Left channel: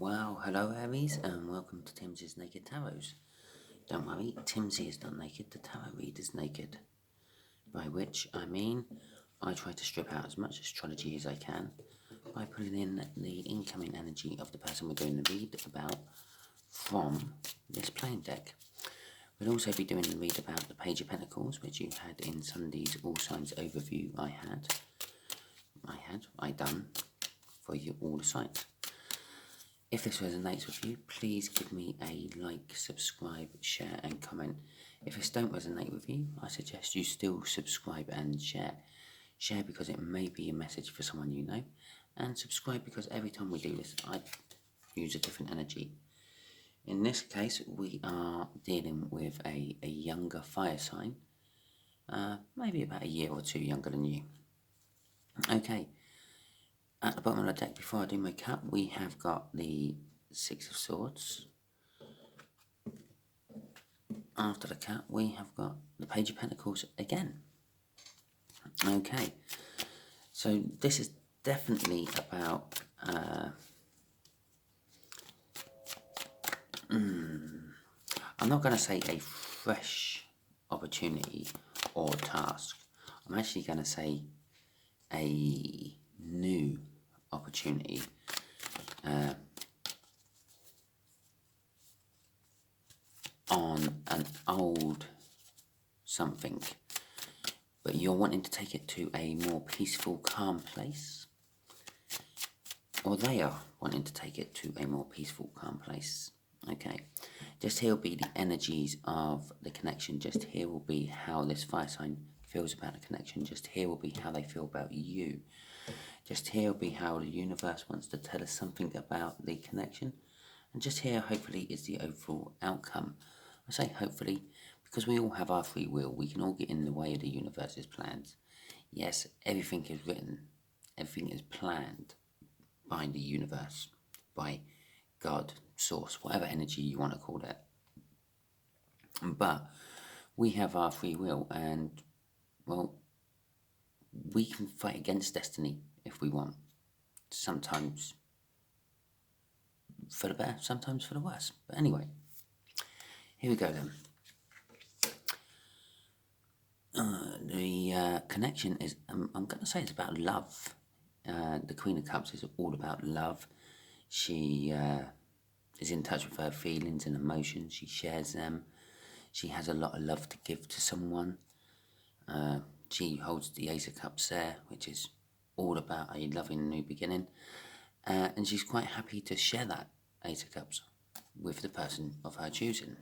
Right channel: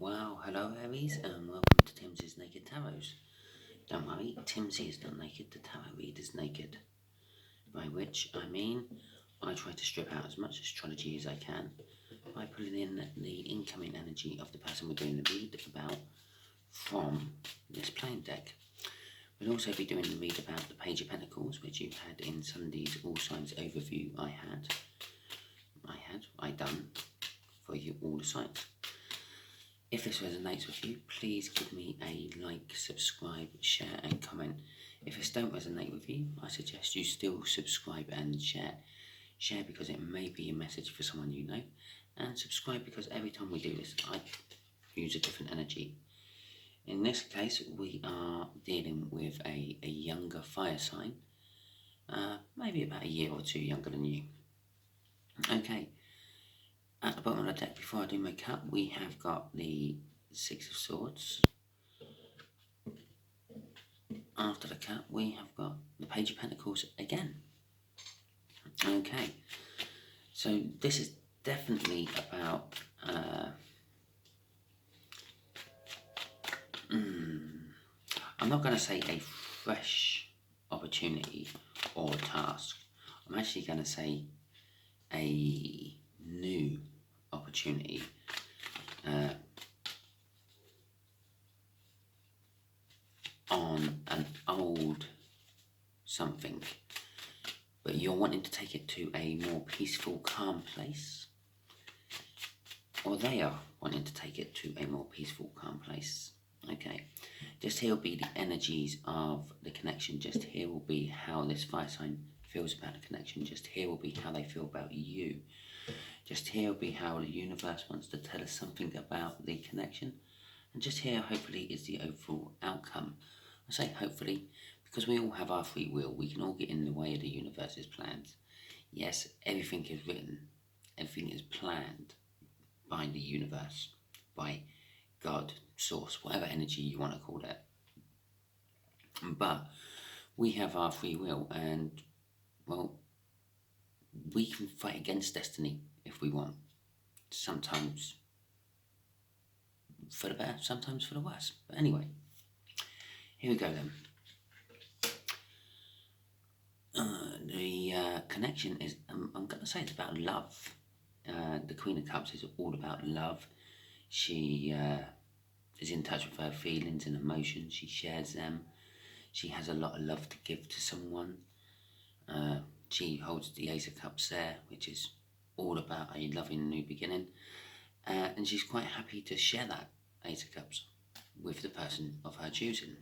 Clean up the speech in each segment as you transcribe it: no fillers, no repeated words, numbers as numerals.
Well, hello Aries, and welcome to Timsy Naked Tarot. Don't worry, Timsy is not naked, the tarot read is naked. By which I mean, I try to strip out as much astrology as I can by pulling in the incoming energy of the person we're doing the read about from this playing deck. We'll also be doing the read about the Page of Pentacles, which you had in Sunday's All Signs overview I done for you all the signs. If this resonates with you, please give me a like, subscribe, share and comment. If this don't resonate with you, I suggest you still subscribe and share. Share because it may be a message for someone you know, and subscribe because every time we do this, I use a different energy. In this case, we are dealing with a younger fire sign, maybe about a year or two younger than you. Okay. At the bottom of the deck, before I do my cut, we have got the Six of Swords. After the cut, we have got the Page of Pentacles again. Okay, so this is definitely about I'm not going to say a fresh opportunity or task. I'm actually going to say a new opportunity on an old something, but you're wanting to take it to a more peaceful, calm place, or they are wanting to take it to a more peaceful, calm place. Okay, just here will be the energies of the connection. Just here will be how this fire sign feels about the connection. Just here will be how they feel about you. Just here will be how the universe wants to tell us something about the connection. And just here, hopefully, is the overall outcome. I say hopefully because we all have our free will. We can all get in the way of the universe's plans. Yes, everything is written. Everything is planned by the universe, by God, source, whatever energy you want to call it. But we have our free will, and, well, we can fight against destiny if we want. Sometimes for the better, sometimes for the worse. But anyway, here we go then. The connection is, I'm going to say it's about love. The Queen of Cups is all about love. She is in touch with her feelings and emotions. She shares them. She has a lot of love to give to someone. She holds the Ace of Cups there, which is all about a loving new beginning. And she's quite happy to share that Ace of Cups with the person of her choosing.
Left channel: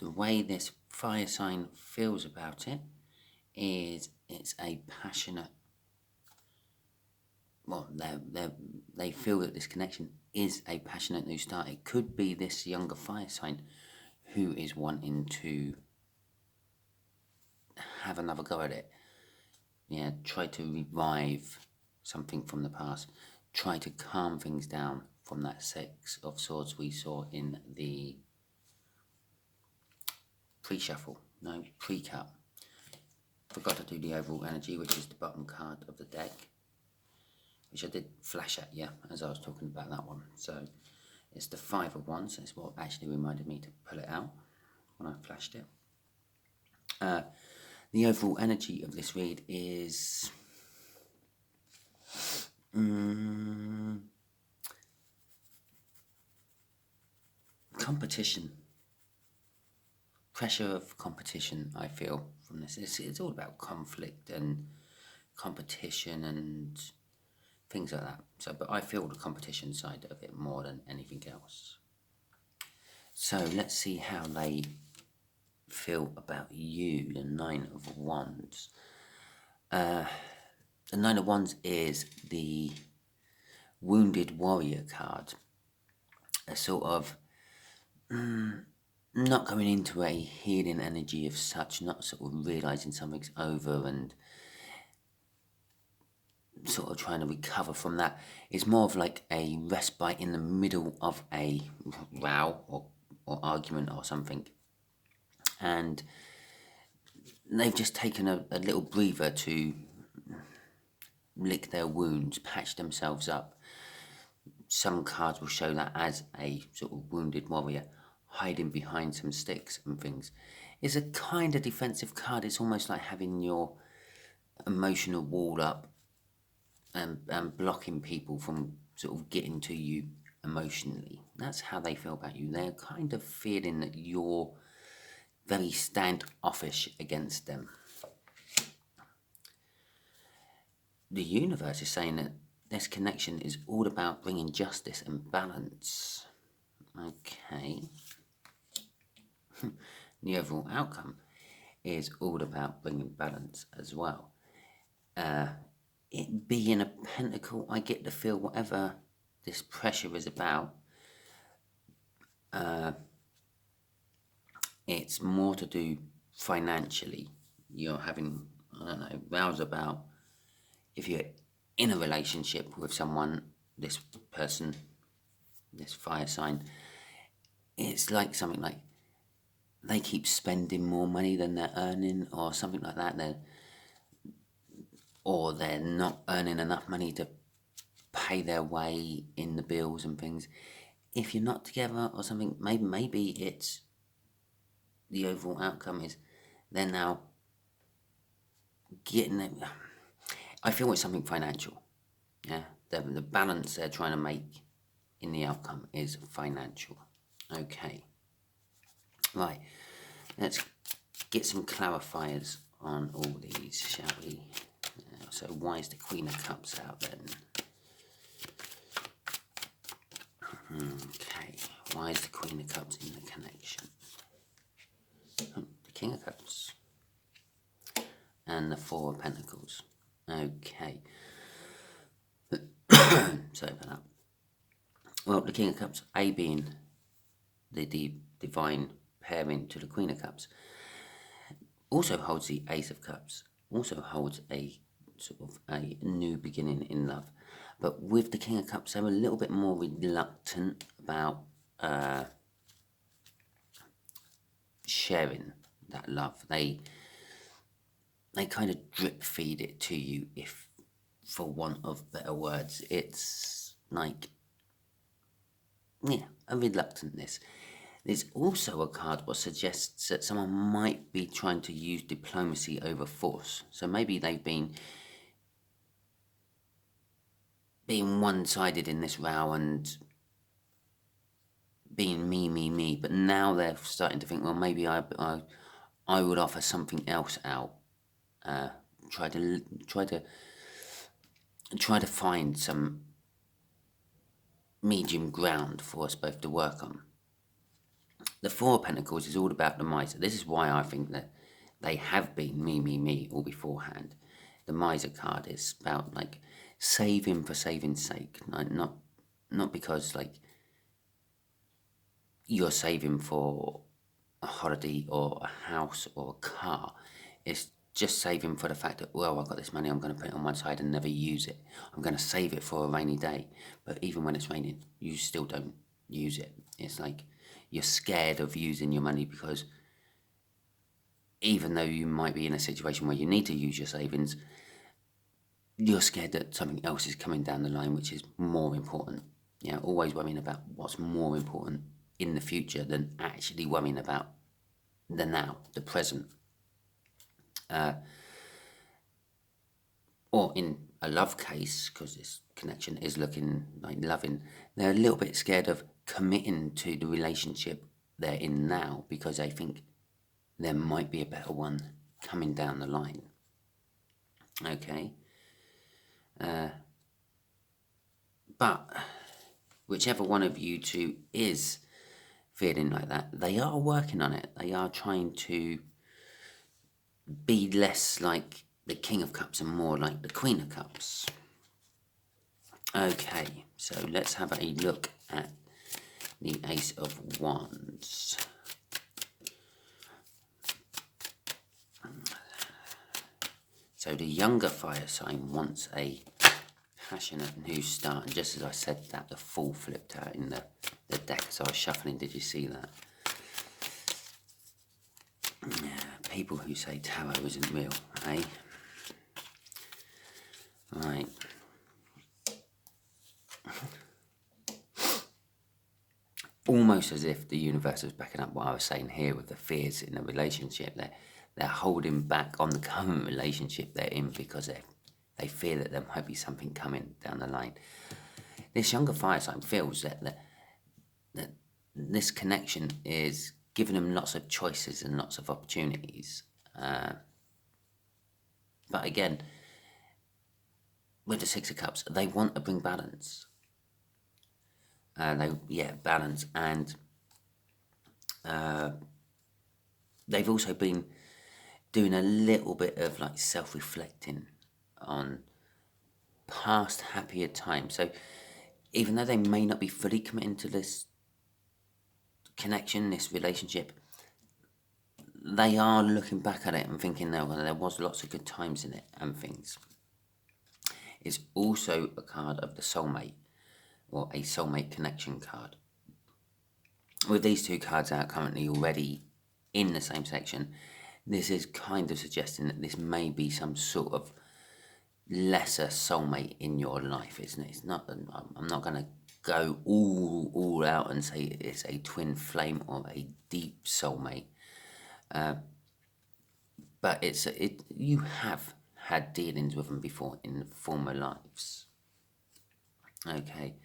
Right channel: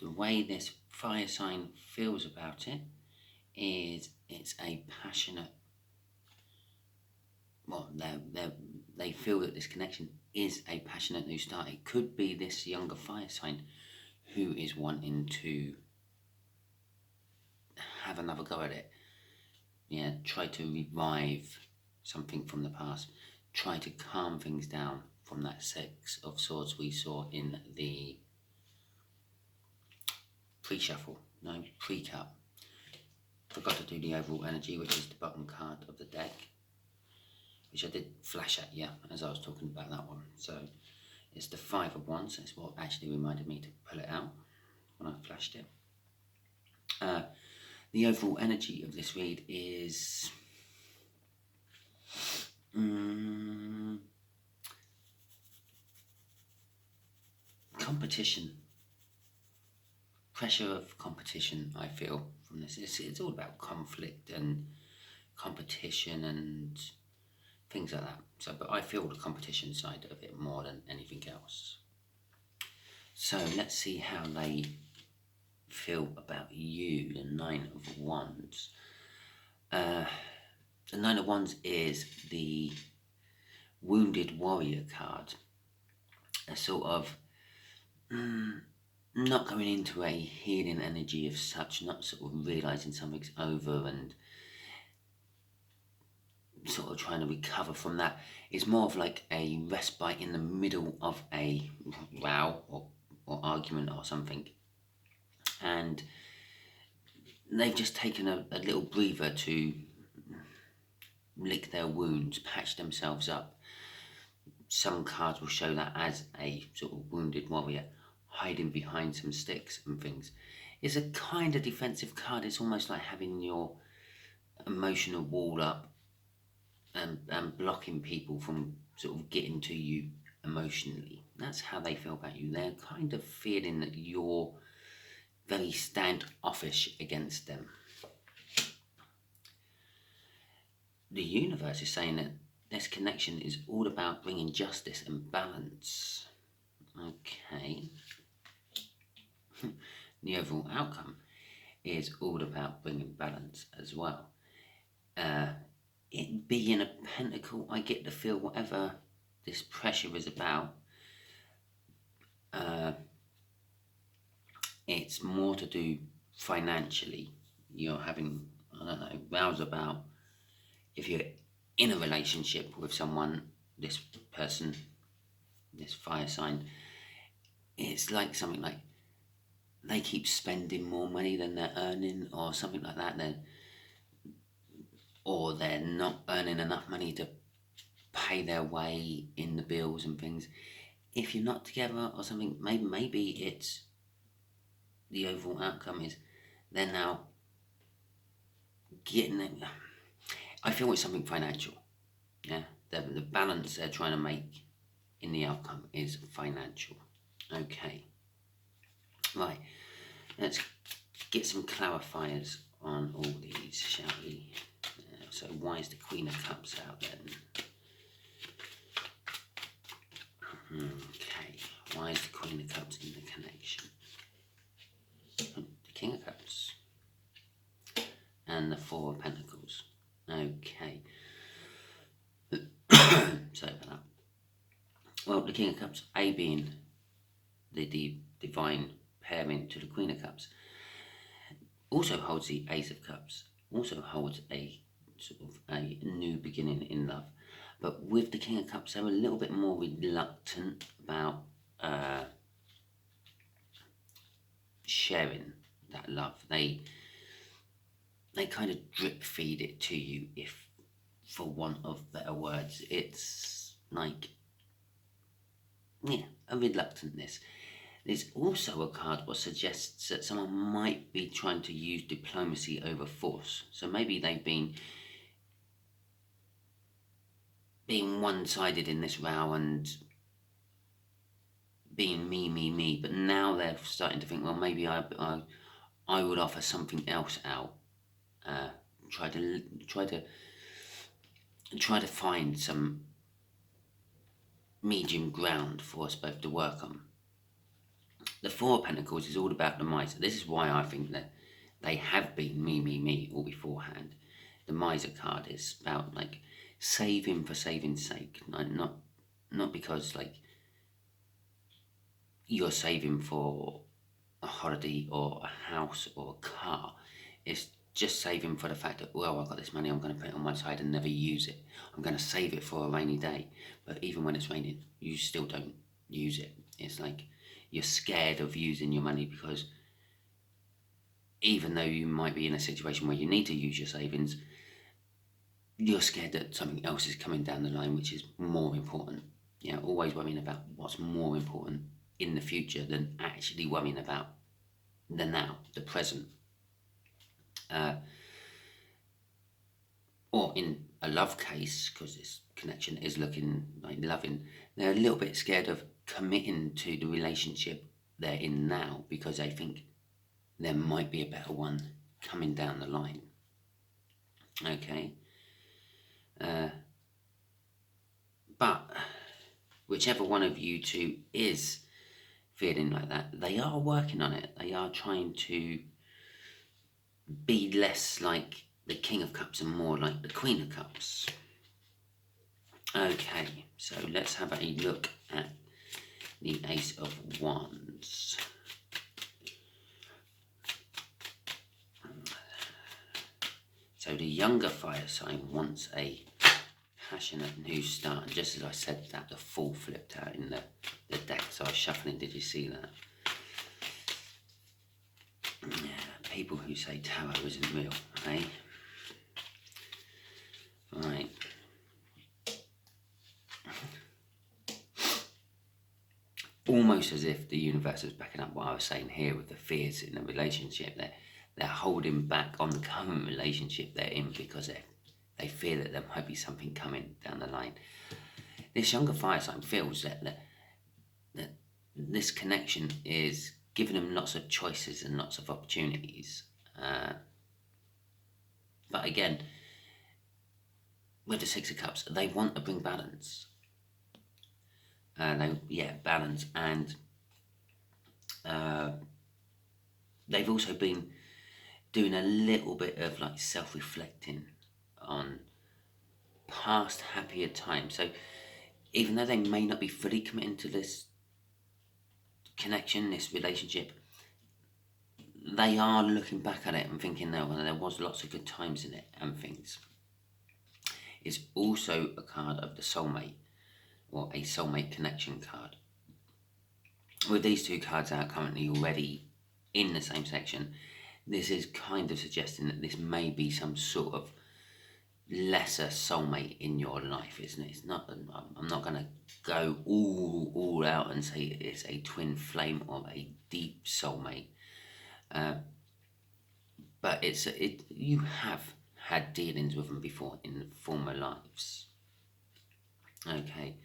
The way this fire sign feels about it is it's a passionate, well, they feel that this connection is a passionate new start. It could be this younger fire sign who is wanting to have another go at it. Yeah, try to revive something from the past. Try to calm things down from that Six of Swords we saw in the pre-shuffle, no, pre-cut. Forgot to do the overall energy, which is the bottom card of the deck, which I did flash at you as I was talking about that one. So it's the Five of Wands. It's what actually reminded me to pull it out when I flashed it. The overall energy of this read is competition. Pressure of competition, I feel, from this. It's all about conflict and competition and things like that. So, but I feel the competition side of it more than anything else. So let's see how they feel about you, the Nine of Wands. The Nine of Wands is the Wounded Warrior card. A sort of not going into a healing energy of such, not sort of realising something's over and sort of trying to recover from that. It's more of like a respite in the middle of a row or argument or something. And they've just taken a little breather to lick their wounds, patch themselves up. some cards will show that as a sort of wounded warrior hiding behind some sticks and things. It's a kind of defensive card. It's almost like having your emotional wall up and blocking people from sort of getting to you emotionally. That's how they feel about you. They're kind of feeling that you're very standoffish against them. The universe is saying that this connection is all about bringing justice and balance. Okay. The overall outcome is all about bringing balance as well. It being a pentacle, I get to feel whatever this pressure is about, it's more to do financially. You're having, I don't know, rows about if you're in a relationship with someone, this person, this fire sign, it's like something like they keep spending more money than they're earning, or something like that. Or they're not earning enough money to pay their way in the bills and things. If you're not together or something, maybe it's the overall outcome is they're now getting it. I feel it's something financial. Yeah, the balance they're trying to make in the outcome is financial. Okay, right. Let's get some clarifiers on all these, shall we? So why is the Queen of Cups out then? Okay, why is the Queen of Cups in the connection? The King of Cups and the Four of Pentacles. Okay. Sorry about that. Well, the King of Cups, A being the divine pairing to the Queen of Cups, also holds the Ace of Cups, also holds a sort of a new beginning in love. But with the King of Cups, they're a little bit more reluctant about sharing that love. They kind of drip feed it to you, if for want of better words. It's like, yeah, a reluctantness. There's also a card that suggests that someone might be trying to use diplomacy over force. So maybe they've been being one-sided in this row and being me, but now they're starting to think, well, maybe I would offer something else out. Try to find some medium ground for us both to work on. The Four of Pentacles is all about the miser. This is why I think that they have been me all beforehand. The miser card is about like saving for saving's sake, like not because like you're saving for a holiday or a house or a car. It's just saving for the fact that, well, I've got this money, I'm going to put it on one side and never use it. I'm going to save it for a rainy day. But even when it's raining, you still don't use it. It's like you're scared of using your money because even though you might be in a situation where you need to use your savings, you're scared that something else is coming down the line which is more important. Yeah, always worrying about what's more important in the future than actually worrying about the now, the present. Or in a love case, because this connection is looking like loving, they're a little bit scared of committing to the relationship they're in now because they think there might be a better one coming down the line. Okay. But whichever one of you two is feeling like that, they are working on it. They are trying to be less like the King of Cups and more like the Queen of Cups. Okay, so let's have a look at the Ace of Wands. So the younger fire sign wants a passionate new start, and just as I said that, the Fool flipped out in the deck, so I was shuffling. Did you see that? Yeah, people who say tarot isn't real, eh? Right. almost as if the universe is backing up what I was saying here with the fears in a relationship. They're holding back on the current relationship they're in because they fear that there might be something coming down the line. This younger fire sign feels that this connection is giving them lots of choices and lots of opportunities. But again, with the Six of Cups, they want to bring balance. Balance, and they've also been doing a little bit of like self-reflecting on past happier times. So even though they may not be fully committing to this connection, this relationship, they are looking back at it and thinking there was lots of good times in it and things. It's also a card of the soulmate, or a soulmate connection card. With these two cards out currently already in the same section, this is kind of suggesting that this may be some sort of lesser soulmate in your life, isn't it? It's not. I'm not going to go all out and say it's a twin flame or a deep soulmate, but you have had dealings with them before in former lives. Okay,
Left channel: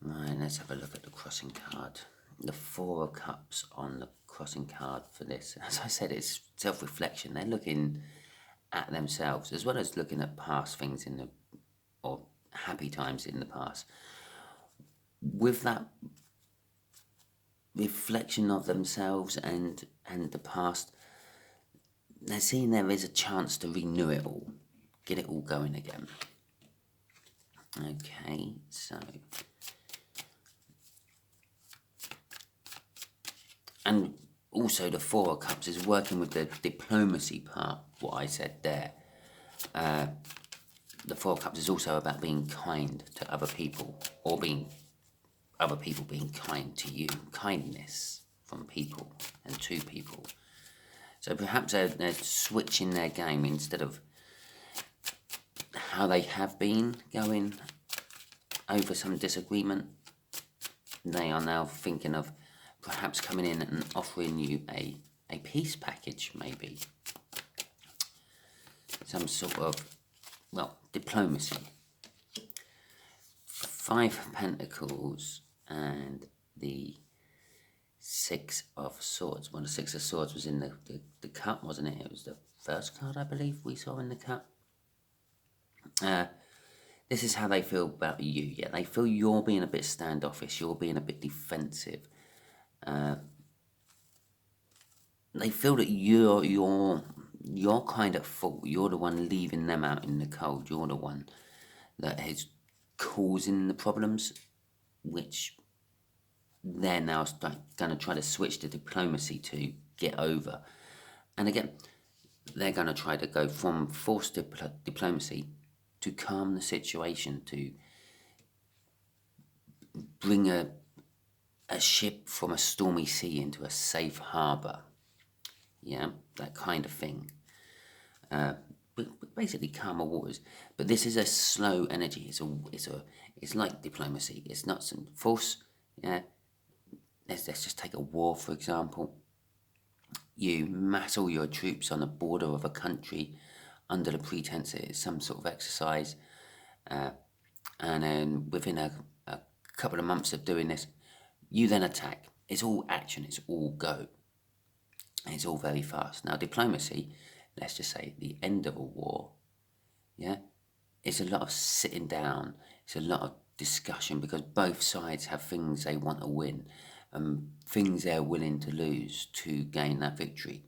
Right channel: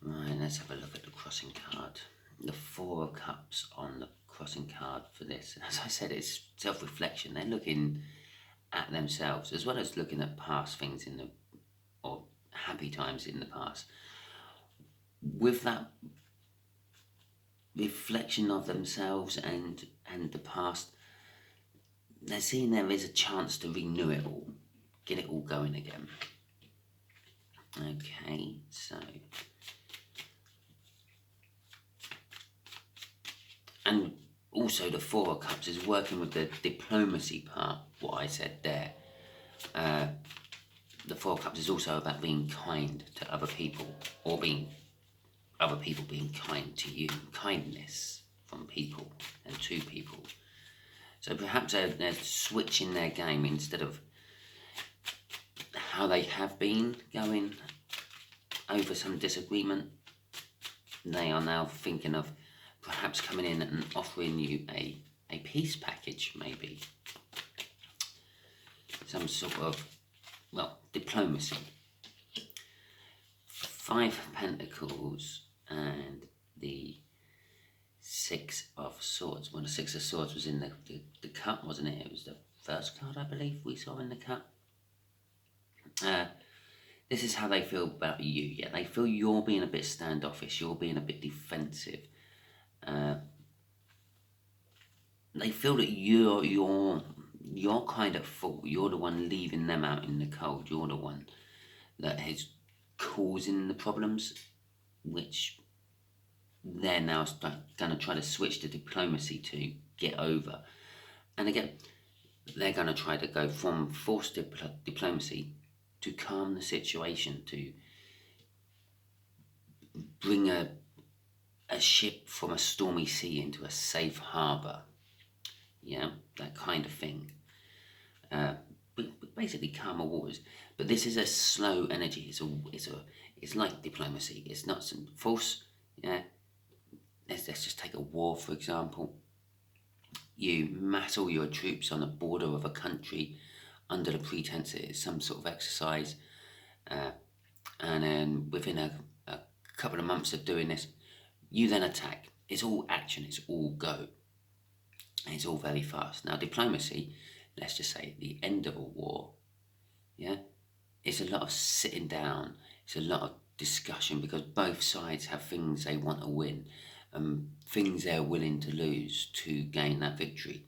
right. Let's have a look at the crossing card. The Four of Cups on the crossing card for this. As I said, it's self-reflection. They're looking at themselves as well as looking at past things or happy times in the past. With that reflection of themselves and the past, they're seeing there is a chance to renew it all, get it all going again. Okay, so, and also the Four of Cups is working with the diplomacy part, what I said there. The Four of Cups is also about being kind to other people, or other people being kind to you. Kindness from people and to people. So perhaps they're switching their game. Instead of how they have been going over some disagreement, they are now thinking of perhaps coming in and offering you a peace package, maybe. Some sort of, diplomacy. Five of Pentacles and the Six of Swords. Well, the Six of Swords was in the cup, wasn't it? It was the first card, I believe, we saw in the cup. This is how they feel about you. Yeah, they feel you're being a bit standoffish. You're being a bit defensive. They feel that you're kind of fault. You're the one leaving them out in the cold. You're the one that is causing the problems, which they're now going to try to switch to diplomacy to get over. And again, they're going to try to go from forced diplomacy to calm the situation, to bring a ship from a stormy sea into a safe harbour. Yeah, that kind of thing. Basically calmer waters. But this is a slow energy. It's like diplomacy. It's not some force. Yeah. Let's just take a war, for example. You mass all your troops on the border of a country under the pretense it is some sort of exercise, and then within a couple of months of doing this, you then attack. It's all action. It's all go. And it's all very fast. Now, diplomacy, let's just say the end of a war, yeah, it's a lot of sitting down. It's a lot of discussion, because both sides have things they want to win and things they're willing to lose to gain that victory.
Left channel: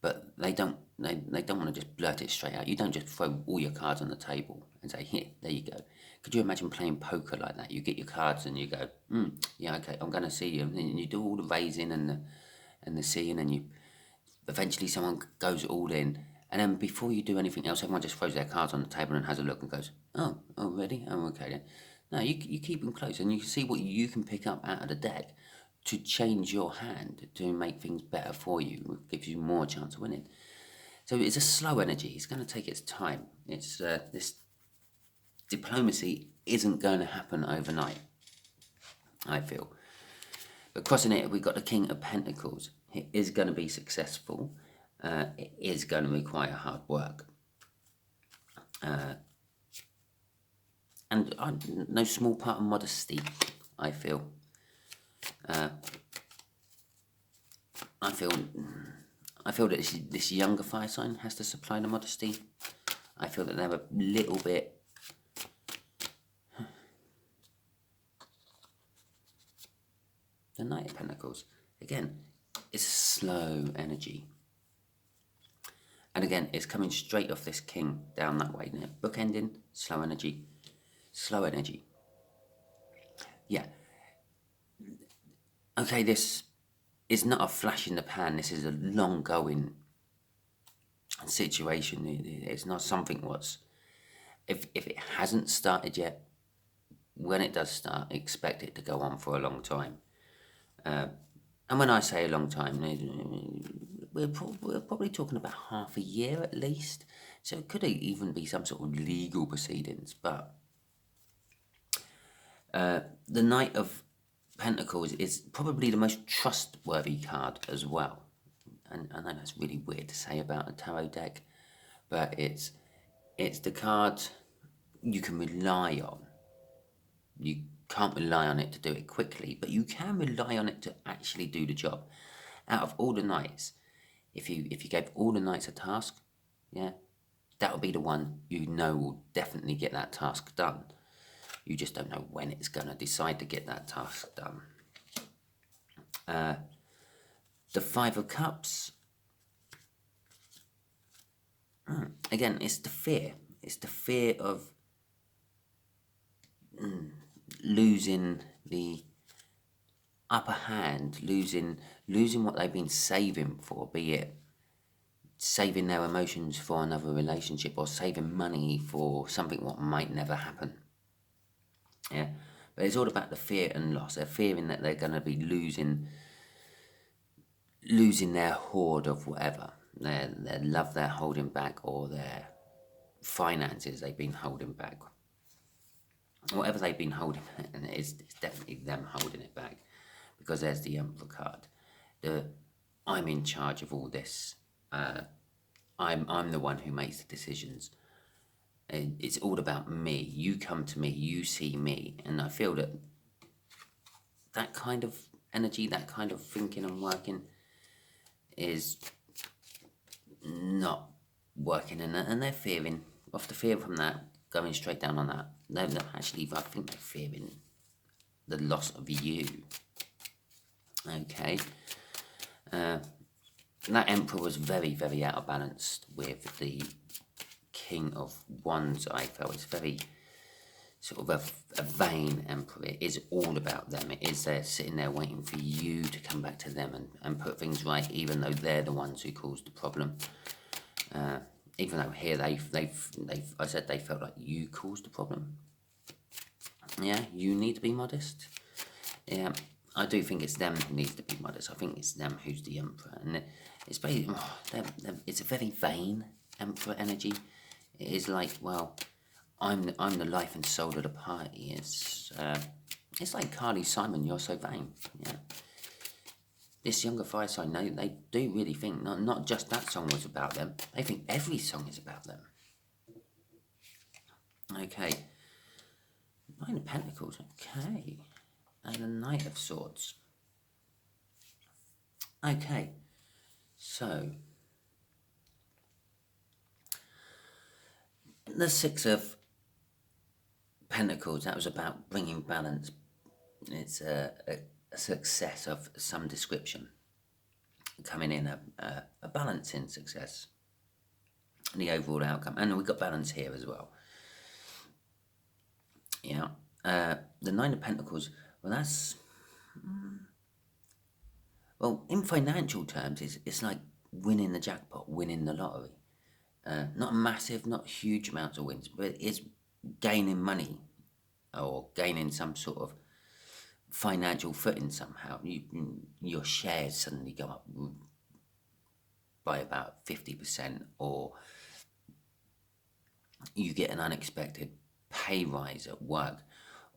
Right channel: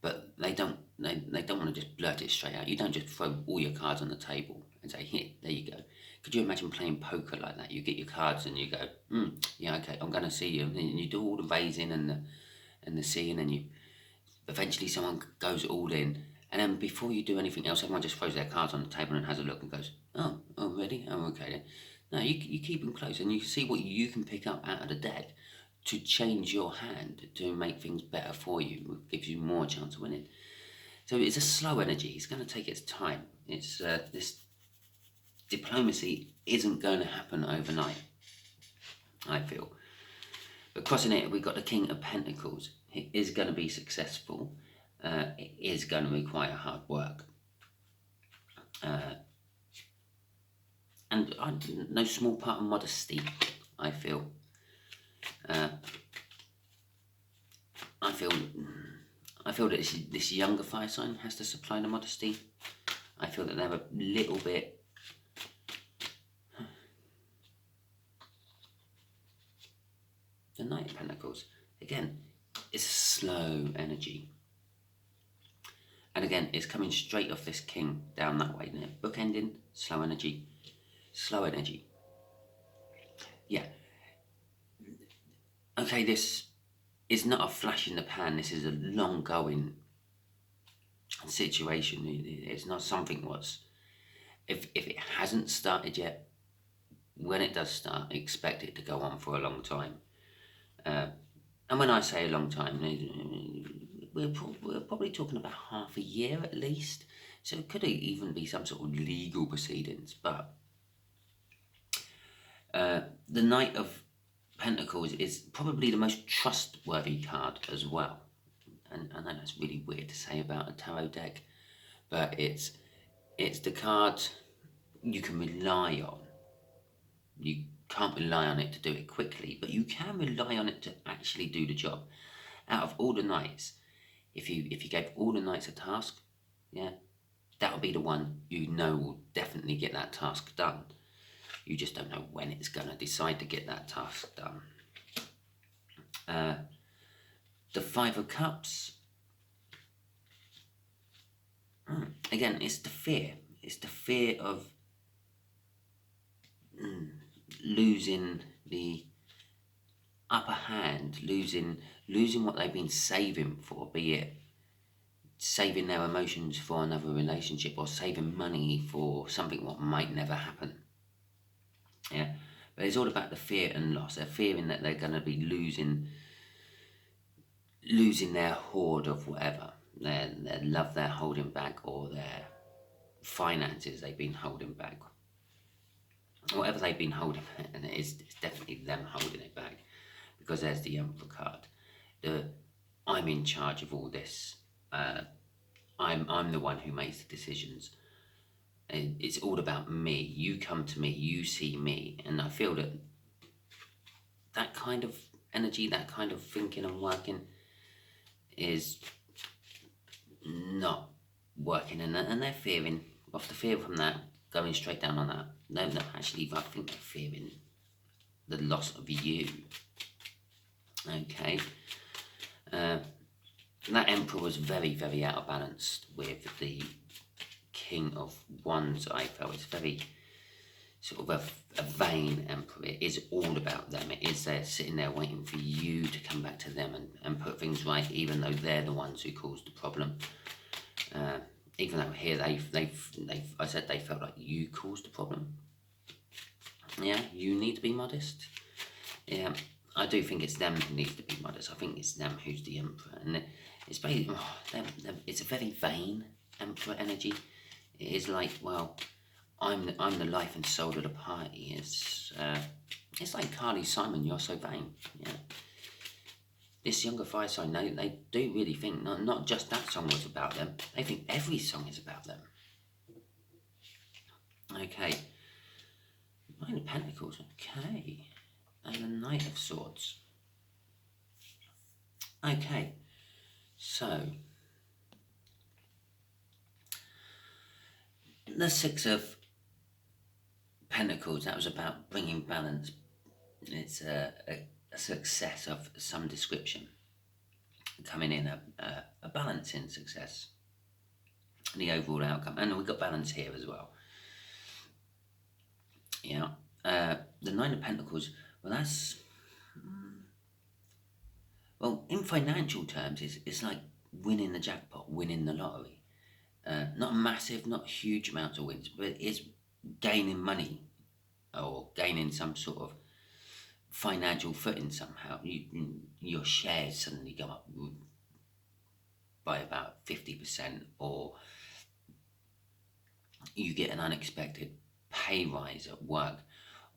But they don't want to just blurt it straight out. You don't just throw all your cards on the table and say, here, there you go. Could you imagine playing poker like that? You get your cards and you go, yeah, okay, I'm going to see you. And then you do all the raising and the seeing, and you eventually someone goes all in. And then before you do anything else, everyone just throws their cards on the table and has a look and goes, oh, ready? Oh, okay then. No, you keep them close and you see what you can pick up out of the deck to change your hand, to make things better for you. It gives you more chance of winning. So it's a slow energy. It's going to take its time. It's this diplomacy isn't going to happen overnight, I feel. But crossing it, we've got the King of Pentacles. It is going to be successful. It is going to require hard work. And no small part of modesty, I feel. I feel that this younger fire sign has to supply the modesty. I feel that they're a little bit... The Knight of Pentacles, again, is slow energy. And again, it's coming straight off this King down that way. Now, bookending, slow energy. Slow energy. Yeah. Okay, this is not a flash in the pan. This is a long-going situation. It's not something what's... If it hasn't started yet, when it does start, expect it to go on for a long time. And when I say a long time, we're probably talking about half a year at least. So it could even be some sort of legal proceedings. But the Knight of Pentacles is probably the most trustworthy card as well. And I know that's really weird to say about a tarot deck, but it's the card you can rely on. You can't rely on it to do it quickly, but you can rely on it to actually do the job. Out of all the knights, if you gave all the knights a task, yeah, that would be the one you know will definitely get that task done. You just don't know when it's going to decide to get that task done. The Five of Cups. Again, it's the fear. It's the fear of losing the upper hand, losing what they've been saving for, be it saving their emotions for another relationship or saving money for something what might never happen. Yeah, but it's all about the fear and loss. They're fearing that they're going to be losing their hoard of whatever, their love they're holding back, or their finances they've been holding back. Whatever they've been holding, and it's definitely them holding it back, because there's the Emperor card. I'm in charge of all this. I'm the one who makes the decisions. And it's all about me. You come to me, you see me, and I feel that kind of energy, that kind of thinking and working, is not working, and they're fearing off the fear from that, going straight down on that. No, actually, I think they're fearing the loss of you. Okay. That Emperor was very, very out of balance with the King of Wands, I felt. It's very sort of a vain Emperor. It is all about them. It is there sitting there waiting for you to come back to them and put things right, even though they're the ones who caused the problem. Even though here I said they felt like you caused the problem. Yeah, you need to be modest. Yeah, I do think it's them who needs to be modest. I think it's them who's the Emperor, and it's very, it's a very vain Emperor energy. It is like, well, I'm the life and soul of the party. It's like Carly Simon, you're so vain. Yeah. This younger fire sign, they do really think not just that song was about them. They think every song is about them. Okay. Nine of Pentacles. Okay. And the Knight of Swords. Okay. So, the Six of Pentacles, that was about bringing balance. It's a success of some description. Coming in a balancing success. The overall outcome. And we've got balance here as well. Yeah. The Nine of Pentacles, well, that's... Well, in financial terms, it's like winning the jackpot, winning the lottery. Not massive, not huge amounts of wins, but it's gaining money or gaining some sort of financial footing somehow. Your shares suddenly go up by about 50%, or you get an unexpected pay rise at work,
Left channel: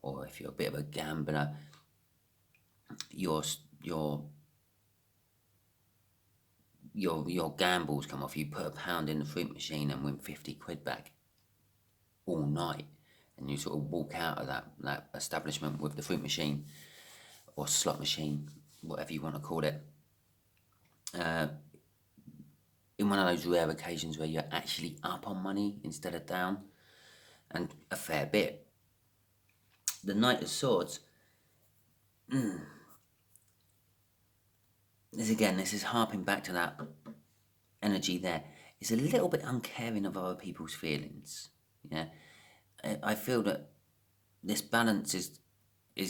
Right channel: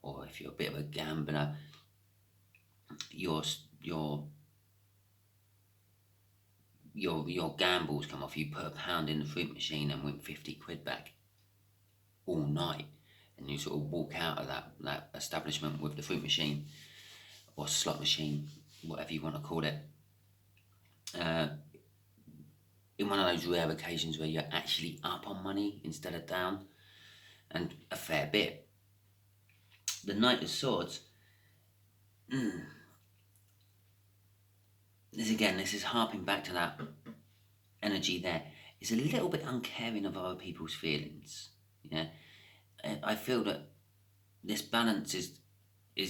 or if you're a bit of a gambler, your your gambles come off. You put £1 in the fruit machine and win 50 quid back all night, and you sort of walk out of that establishment with the fruit machine or slot machine, whatever you want to call it, in one of those rare occasions where you're actually up on money instead of down, and a fair bit. The Knight of Swords, this is harping back to that energy there. It's a little bit uncaring of other people's feelings. Yeah, I feel that this balance is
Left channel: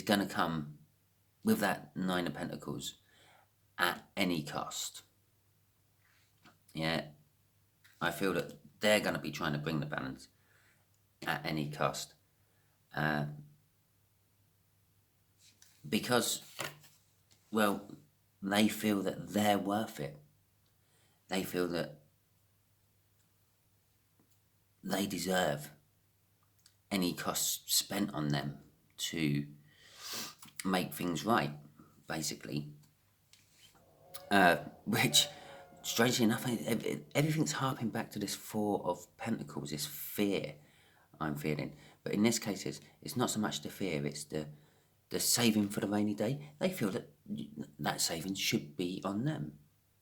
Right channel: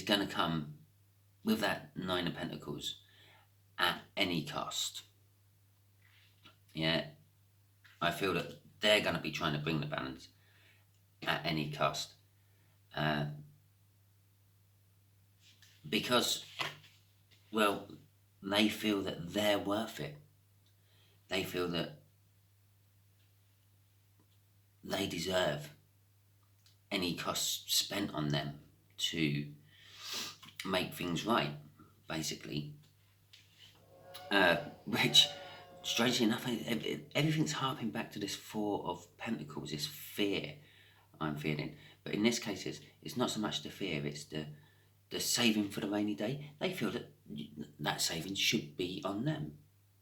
going to come with that Nine of Pentacles at any cost. Yeah, I feel that they're going to be trying to bring the balance at any cost, because, well, they feel that they're worth it. They feel that they deserve any cost spent on them to make things right, basically. Which, strangely enough, everything's harping back to this Four of Pentacles, this fear I'm feeling. But in this case, it's not so much the fear, it's the saving for the rainy day. They feel that that saving should be on them.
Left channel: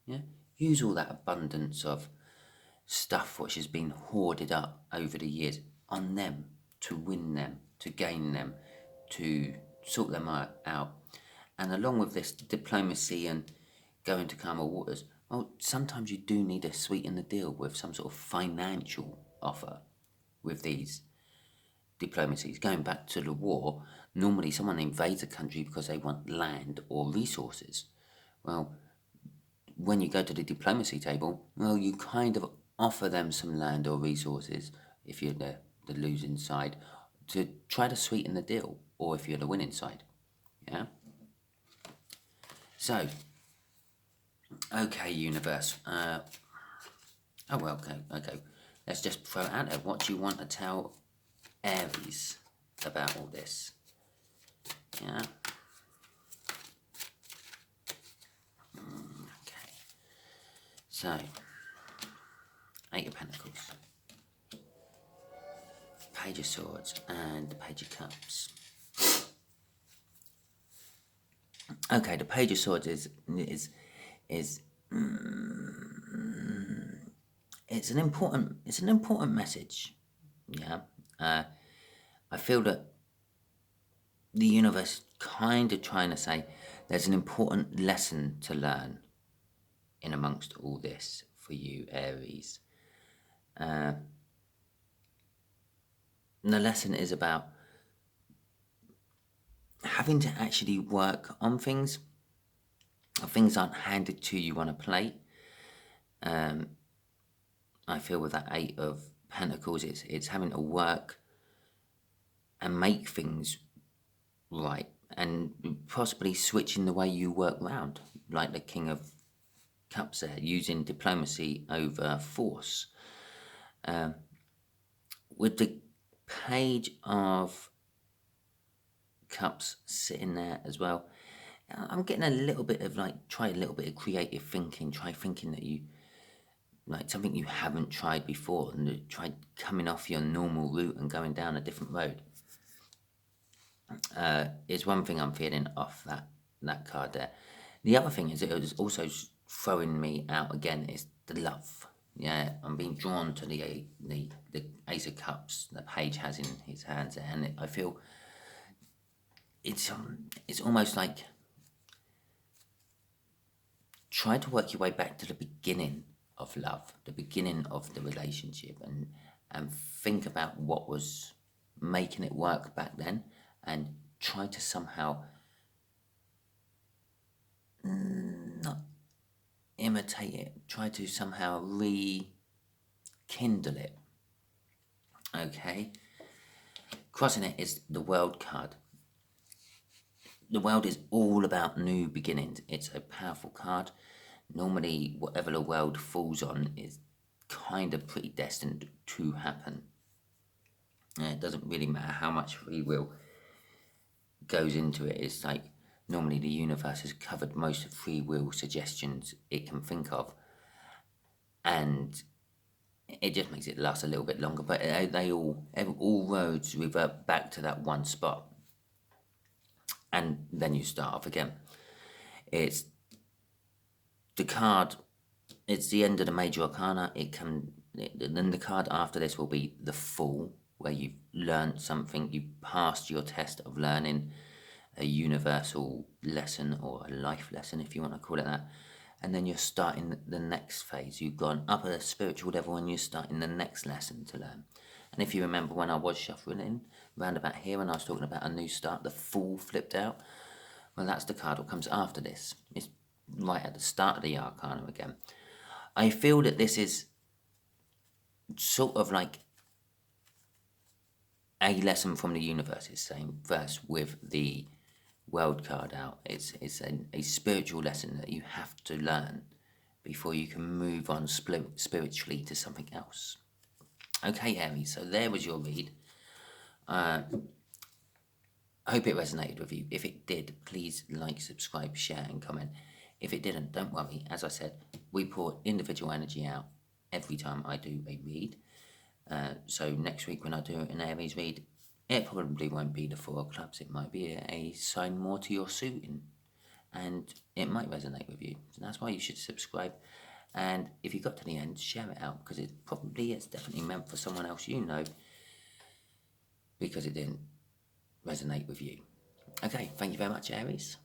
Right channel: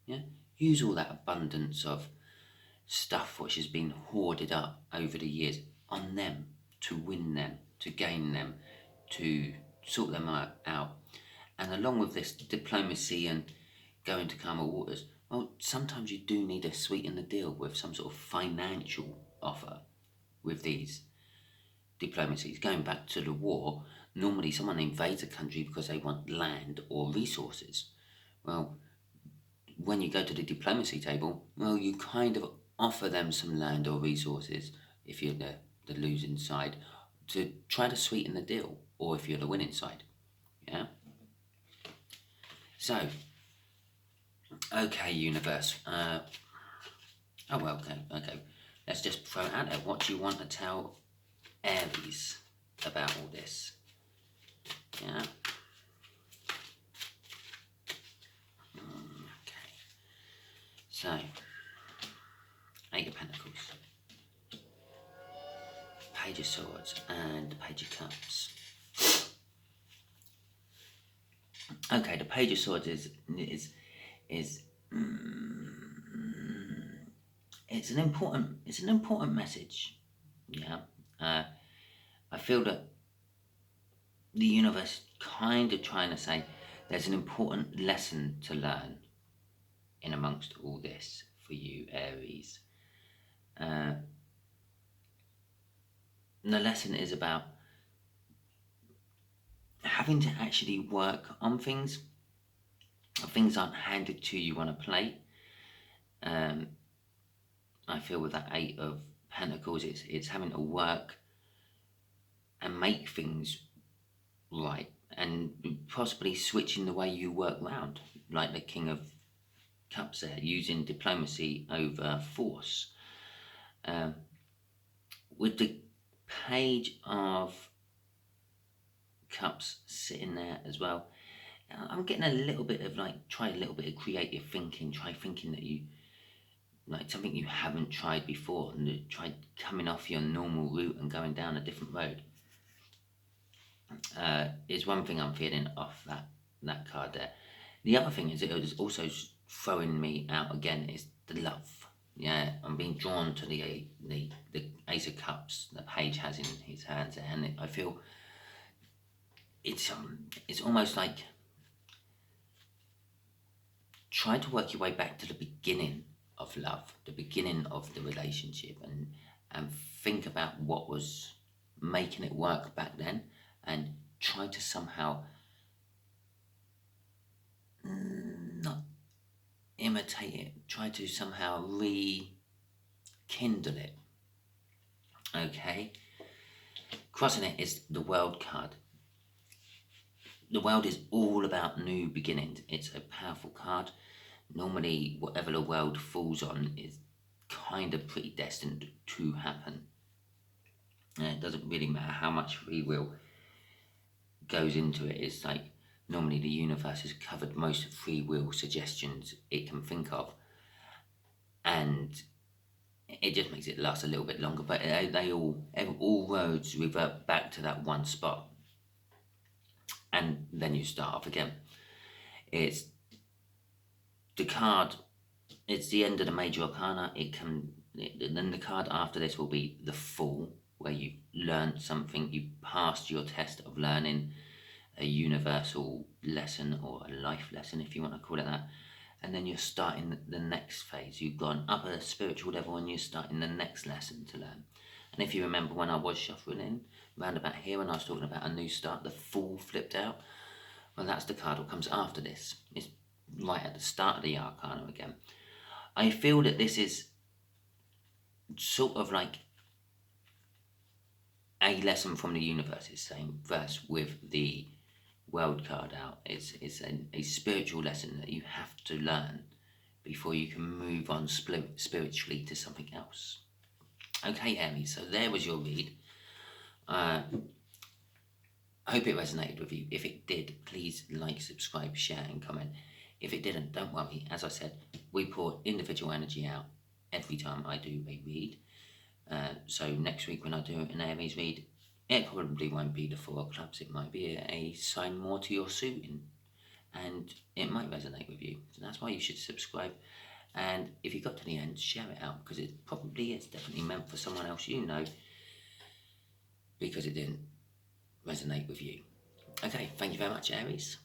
Yeah, use all that abundance of stuff which has been hoarded up over the years on them, to win them, to gain them, to sort them out. And along with this diplomacy and going to calmer waters, well, sometimes you do need to sweeten the deal with some sort of financial offer with these diplomacies. Going back to the war, normally someone invades a country because they want land or resources. Well, when you go to the diplomacy table, well, you kind of offer them some land or resources if you're the losing side, to try to sweeten the deal, or if you're the winning side. Yeah? So, okay, universe. Okay. Let's just throw it out there. What do you want to tell Aries about all this? Yeah? Okay. So, Eight of Pentacles, Page of Swords, and the Page of Cups. Okay, the Page of Swords is it's an important message. Yeah, I feel that the universe is kind of trying to say there's an important lesson to learn in amongst all this for you, Aries. And the lesson is about having to actually work on things. Things aren't handed to you on a plate. I feel with that Eight of Pentacles, it's having to work and make things right, and possibly switching the way you work round, like the King of Cups there, using diplomacy over force. With the Page of Cups sitting there as well, I'm getting a little bit of try a little bit of creative thinking. Try thinking that you something you haven't tried before, and try coming off your normal route and going down a different road. Is one thing I'm feeling off that card there. The other thing is it was also throwing me out again is the love. Yeah, I'm being drawn to the Ace of Cups that Page has in his hands, and I feel it's almost like try to work your way back to the beginning of love, the beginning of the relationship, and think about what was making it work back then, and try to somehow not imitate it, try to somehow rekindle it. Okay, crossing it is the World card. The World is all about new beginnings. It's a powerful card. Normally, whatever the world falls on is kind of predestined to happen. And it doesn't really matter how much free will goes into it. It's like normally the universe has covered most of free will suggestions it can think of, and it just makes it last a little bit longer. But they all roads revert back to that one spot, and then you start off again. It's the card. It's the end of the major arcana. Then the card after this will be the Fool, where you've learned something. You passed your test of learning a universal lesson, or a life lesson, if you want to call it that. And then you're starting the next phase. You've gone up a spiritual level, and you're starting the next lesson to learn. And if you remember when I was shuffling in, round about here, when I was talking about a new start, the Fool flipped out. Well, that's the card that comes after this. It's right at the start of the arcana again. I feel that this is sort of like a lesson from the universe, is saying, verse with the World card out. It's a spiritual lesson that you have to learn before you can move on spiritually to something else. Okay, Aries, so there was your read. I hope it resonated with you. If it did, please like, subscribe, share, and comment. If it didn't, don't worry. As I said, we pour individual energy out every time I do a read. So next week when I do an Aries read, it probably won't be the Four of Clubs. It might be a sign more to your suiting, and it might resonate with you. So that's why you should subscribe. And if you got to the end, share it out, because it's definitely meant for someone else you know, because it didn't resonate with you. Okay, thank you very much, Aries.